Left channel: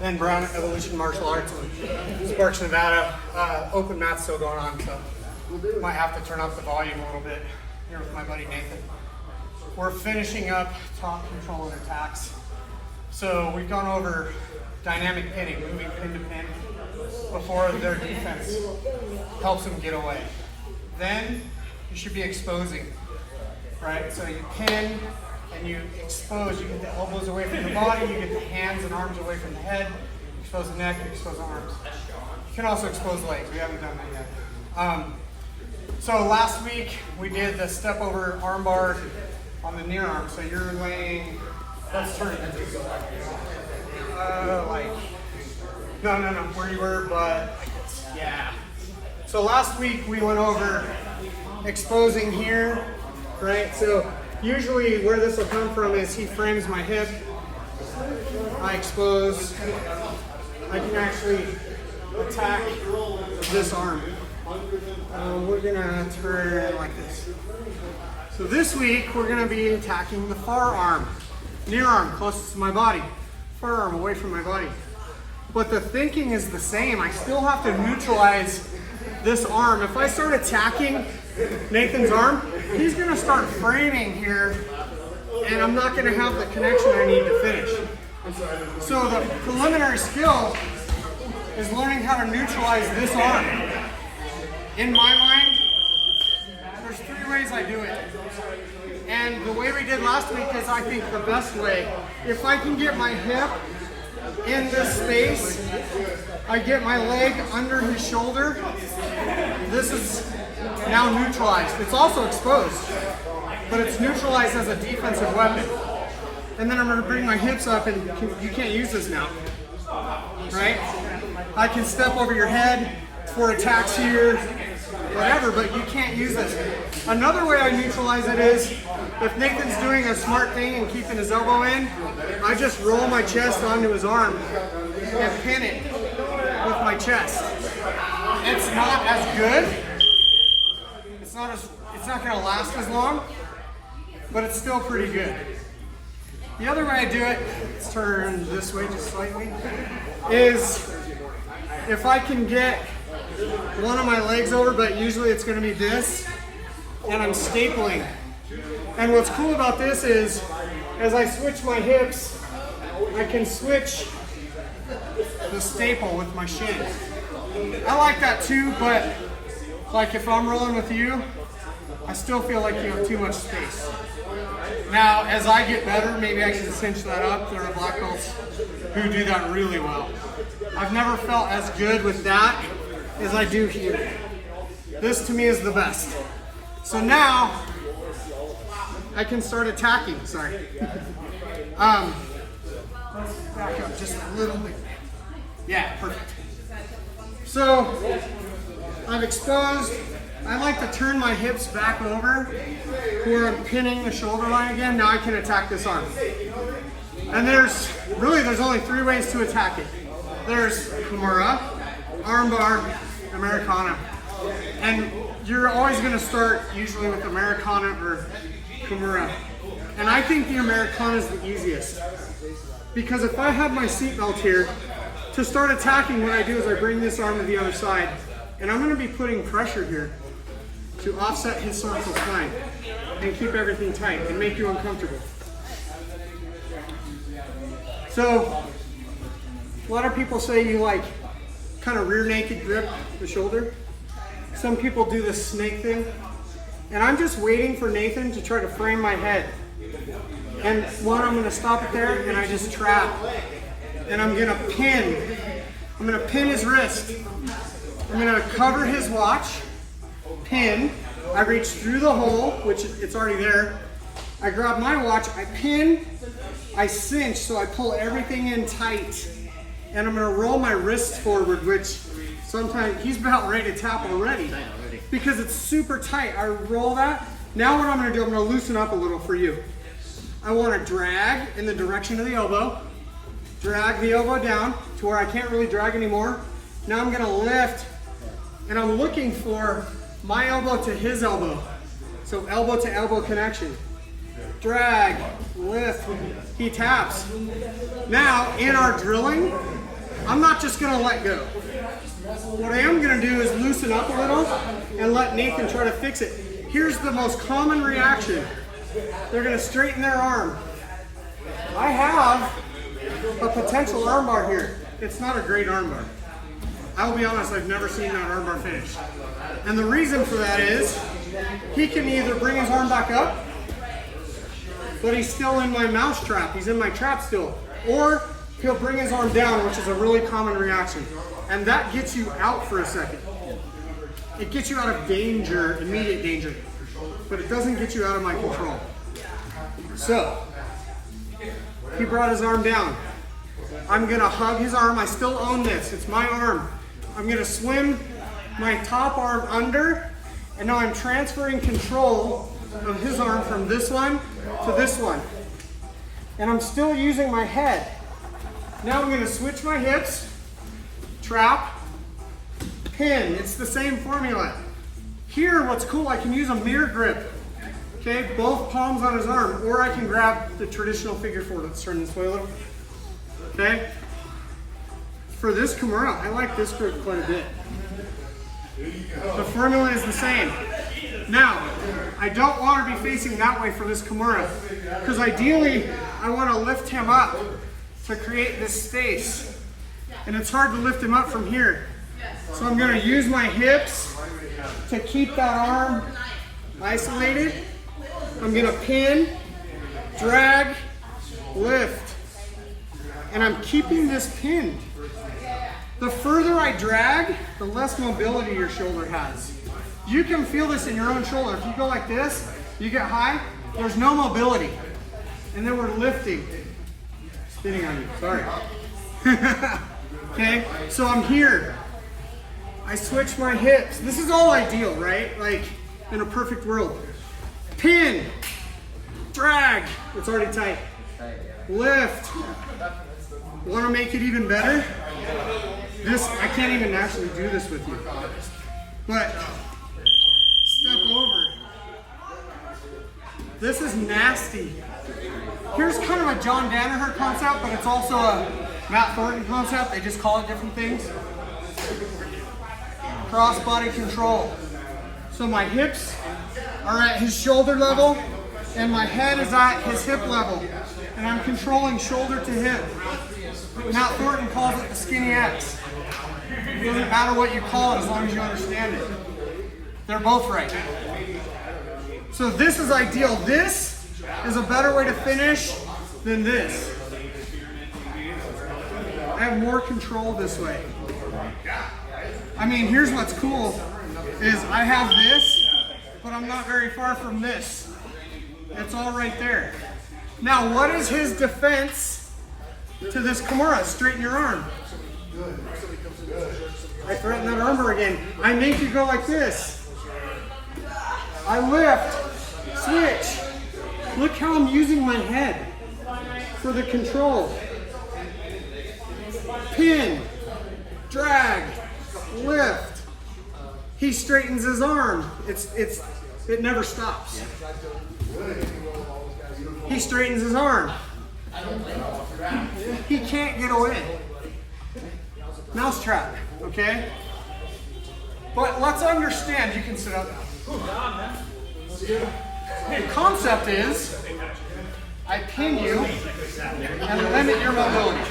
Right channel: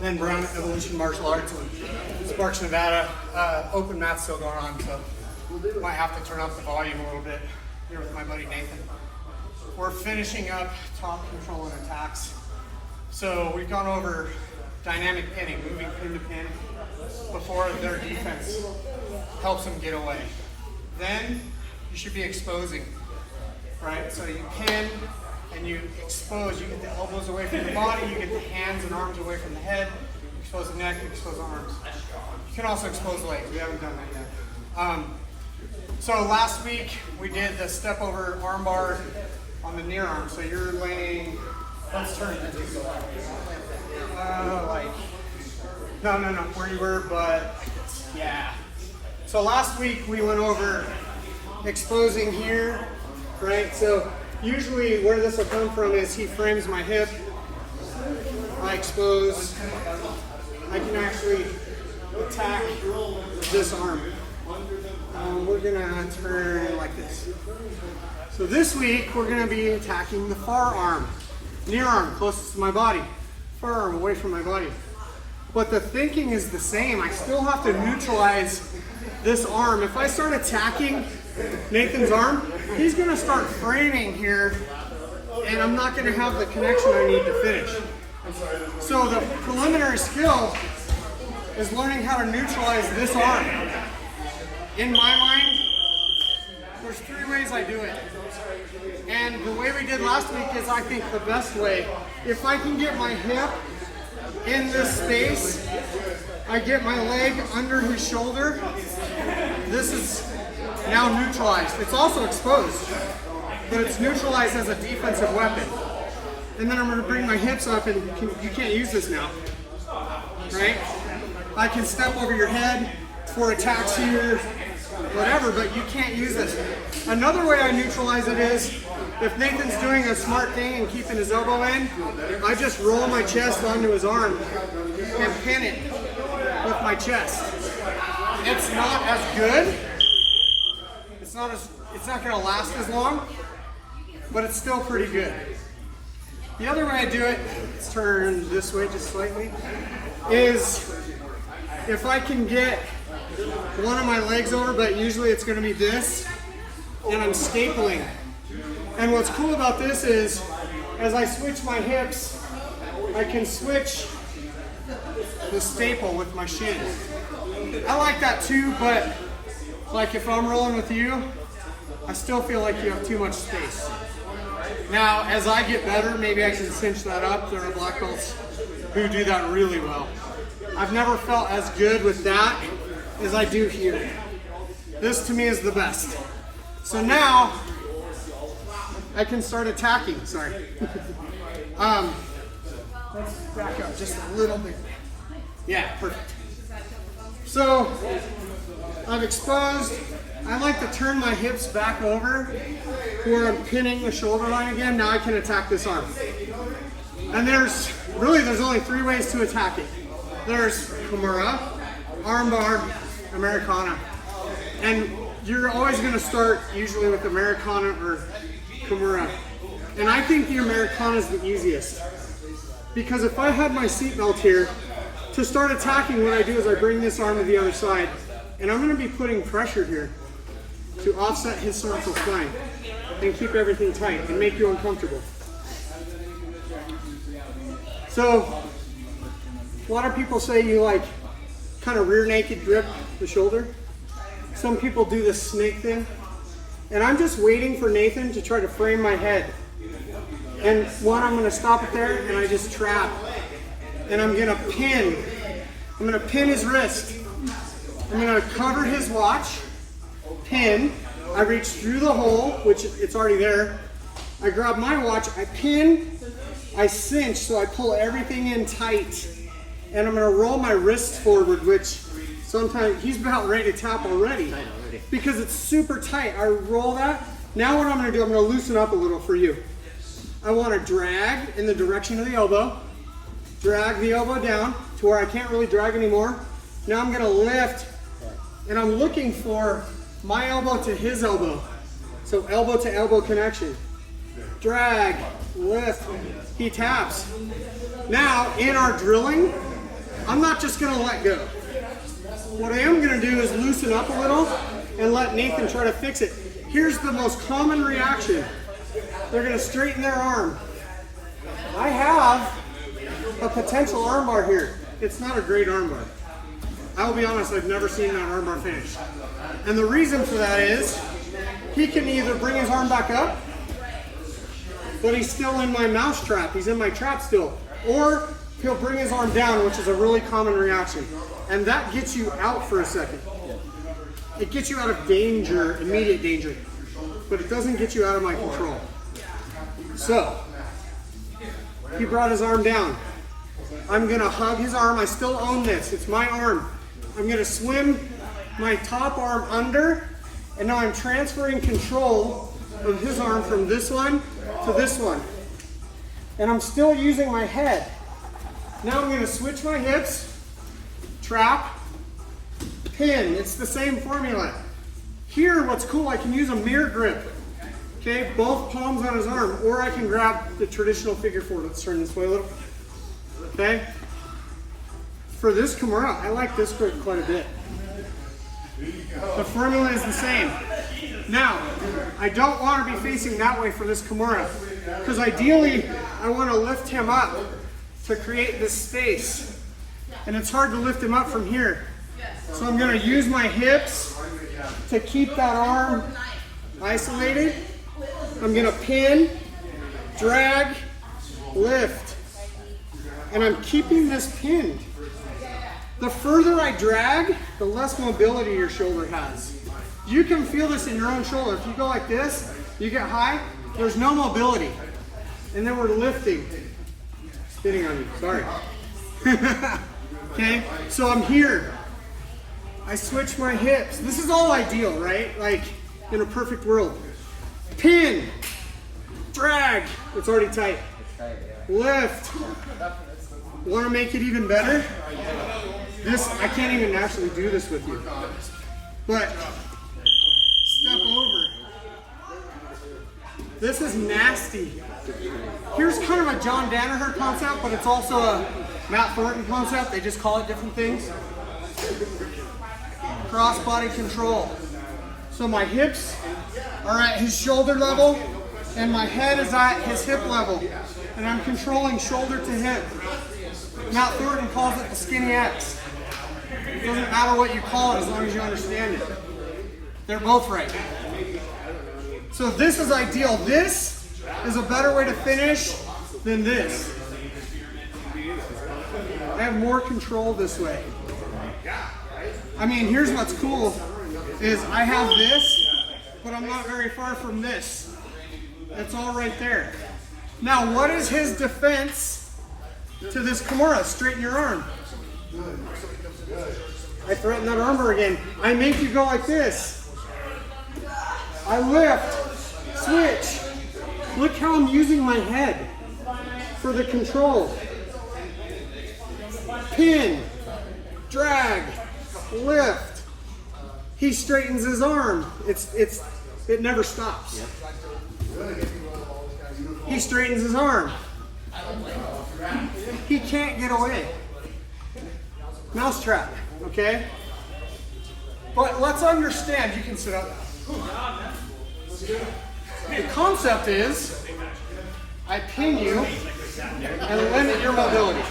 then Brown Evolution Martial Arts and Sparks Nevada. Open mat's still going on, so might have to turn up the volume a little bit here with my buddy Nathan. We're finishing up top control and attacks. So we've gone over dynamic pinning, moving pin to pin before their defense helps them get away. Then you should be exposing, right? So you pin and you expose, you get the elbows away from the body, you get the hands and arms away from the head, you expose the neck, you expose the arms. You can also expose legs, we haven't done that yet. So last week we did the step over arm bar on the near arm. So you're laying, let's turn it like, no, where you were, but yeah. So last week we went over exposing here, right? So usually where this will come from is he frames my hip, I expose, I can actually attack this arm. We're gonna turn like this. So this week we're gonna be attacking the far arm, near arm, closest to my body, far arm away from my body. But the thinking is the same. I still have to neutralize this arm. If I start attacking Nathan's arm, he's gonna start framing here and I'm not gonna have the connection I need to finish. So the preliminary skill is learning how to neutralize this arm. In my mind, there's 3 ways I do it. And the way we did last week is, I think, the best way. If I can get my hip in this space, I get my leg under his shoulder. This is now neutralized. It's also exposed, but it's neutralized as a defensive weapon. And then I'm going to bring my hips up, and you can't use this now, right? I can step over your head for attacks here, whatever, but you can't use this. Another way I neutralize it is, if Nathan's doing a smart thing and keeping his elbow in, I just roll my chest onto his arm and pin it with my chest. It's not as good. It's not going to last as long, but it's still pretty good. The other way I do it, let's turn this way just slightly, is if I can get one of my legs over, but usually it's going to be this, and I'm stapling. And what's cool about this is, as I switch my hips, I can switch the staple with my shin. I like that too, but like if I'm rolling with you, I still feel like you have too much space. Now, as I get better, maybe I can cinch that up. There are black belts who do that really well. I've never felt as good with that as I do here. This to me is the best. So now I can start attacking. Sorry. Let's back up just a little bit. Yeah, perfect. So I've exposed. I like to turn my hips back over where I'm pinning the shoulder line again. Now I can attack this arm. And there's only 3 ways to attack it. There's Kimura, armbar, Americana. And you're always going to start usually with Americana or Kimura. And I think the Americana is the easiest. Because if I have my seatbelt here, to start attacking, what I do is I bring this arm to the other side. And I'm going to be putting pressure here to offset his cervical spine and keep everything tight and make you uncomfortable. So a lot of people say you like kind of rear naked grip the shoulder. Some people do the snake thing. And I'm just waiting for Nathan to try to frame my head. And one, I'm going to stop it there and I just trap. And I'm going to pin. I'm going to pin his wrist. I'm going to cover his watch. Pin. I reach through the hole, which it's already there. I grab my watch. I pin. I cinch, so I pull everything in tight. And I'm going to roll my wrist forward, which sometimes he's about ready to tap already. Because it's super tight. I roll that. Now what I'm going to do, I'm going to loosen up a little for you. I want to drag in the direction of the elbow. Drag the elbow down to where I can't really drag anymore. Now I'm going to lift, and I'm looking for my elbow to his elbow. So elbow to elbow connection. Drag, lift, he taps. Now in our drilling, I'm not just gonna let go. What I am gonna do is loosen up a little and let Nathan try to fix it. Here's the most common reaction. They're gonna straighten their arm. I have a potential armbar here. It's not a great armbar. I will be honest, I've never seen that armbar finish. And the reason for that is, he can either bring his arm back up, but he's still in my mousetrap, he's in my trap still, or he'll bring his arm down, which is a really common reaction. And that gets you out for a second. It gets you out of danger, immediate danger, but it doesn't get you out of my control. So, he brought his arm down. I'm gonna hug his arm. I still own this, it's my arm. I'm gonna swim my top arm under, and now I'm transferring control of his arm from this one to this one. And I'm still using my head. Now I'm gonna switch my hips, trap, pin. It's the same formula. Here, what's cool, I can use a mirror grip. Okay, both palms on his arm, or I can grab the traditional figure four. Let's turn this way a little. Okay. For this Kimura, I like this grip quite a bit. The formula is the same. Now, I don't want to be facing that way for this Kimura, because ideally, I want to lift him up to create this space. And it's hard to lift him up from here. So I'm going to use my hips to keep that arm isolated. I'm going to pin, drag, lift. And I'm keeping this pinned. The further I drag, the less mobility your shoulder has. You can feel this in your own shoulder. If you go like this, you get high, there's no mobility. And then we're lifting. Spinning on you, sorry. Okay, so I'm here. I switch my hips. This is all ideal, right? Like in a perfect world. Pin, drag, it's already tight. Lift. Want to make it even better? This, I can't even actually do this with you. But step over. This is nasty. Here's kind of a John Danaher concept, but it's also a Matt Thornton concept. They just call it different things. Cross body control. So my hips are at his shoulder level and my head is at his hip level. And I'm controlling shoulder to hip. Matt Thornton calls it the skinny X. It doesn't matter what you call it as long as you understand it. They're both right. So this is ideal. This is a better way to finish than this. I have more control this way. I mean, here's what's cool is I have this, but I'm not very far from this. It's all right there. Now, what is his defense to this Kimura? Straighten your arm. I threaten that armbar again. I make you go like this. I lift, switch. Look how I'm using my head for the control. Pin, drag, lift. He straightens his arm. It never stops. He straightens his arm. He can't get away. Mousetrap, okay? But let's understand, you can sit up now. The concept is, I pin you and limit your mobility.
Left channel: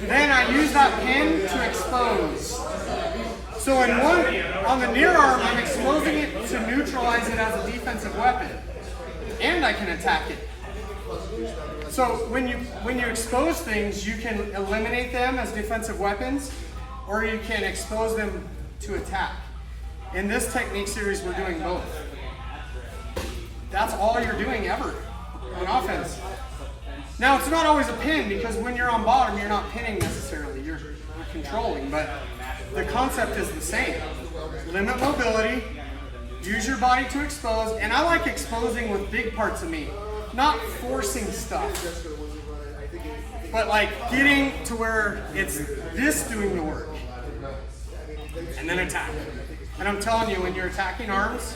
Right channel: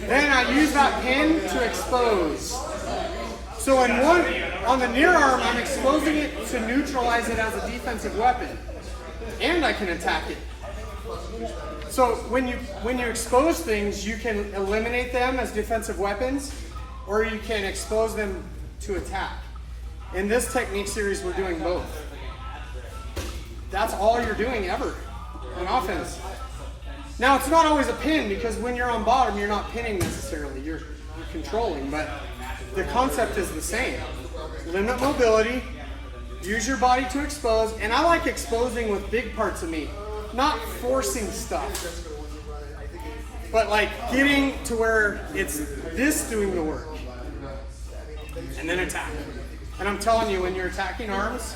Then I use that pin to expose. So on the near arm, I'm exposing it to neutralize it as a defensive weapon. And I can attack it. So when you expose things, you can eliminate them as defensive weapons, or you can expose them to attack. In this technique series, we're doing both. That's all you're doing ever on offense. Now, it's not always a pin, because when you're on bottom, you're not pinning necessarily, you're controlling, but the concept is the same. Limit mobility, use your body to expose, and I like exposing with big parts of me, not forcing stuff, but like getting to where it's this doing the work, and then attack. And I'm telling you, when you're attacking arms,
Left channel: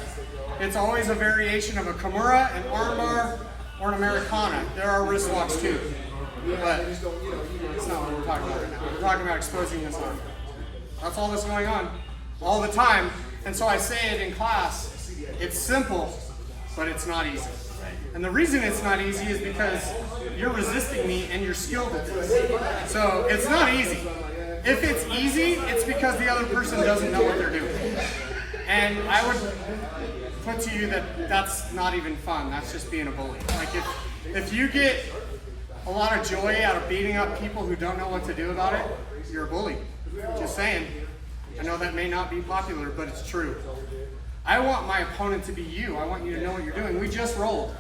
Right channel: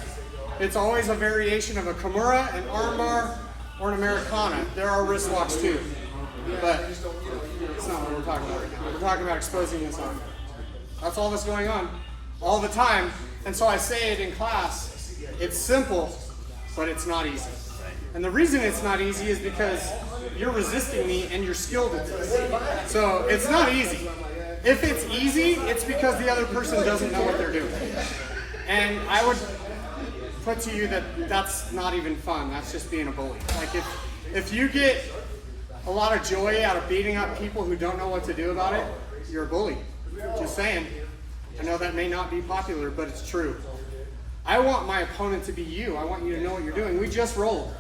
it's always a variation of a Kimura, an armbar, or an Americana. There are wrist locks too. But it's not what we're talking about right now. We're talking about exposing this arm. That's all that's going on all the time. And so I say it in class, it's simple, but it's not easy. And the reason it's not easy is because you're resisting me and you're skilled at this. So it's not easy. If it's easy, it's because the other person doesn't know what they're doing. And I would put to you that that's not even fun. That's just being a bully. Like if you get a lot of joy out of beating up people who don't know what to do about it, you're a bully. Just saying. I know that may not be popular, but it's true. I want my opponent to be you. I want you to know what you're doing. We just rolled.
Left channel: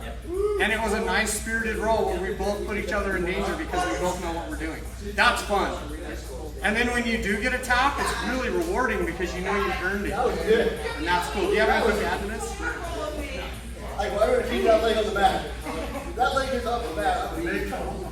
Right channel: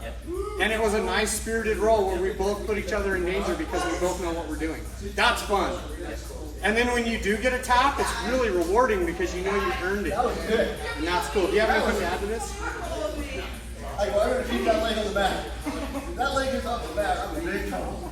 And it was a nice spirited roll where we both put each other in danger because we both know what we're doing. That's fun. And then when you do get a tap, it's really rewarding because you know you earned it. And that's cool. Do you have anything to add to this? I'm going to keep that leg on the mat. If that leg is off the mat, I'm in big trouble.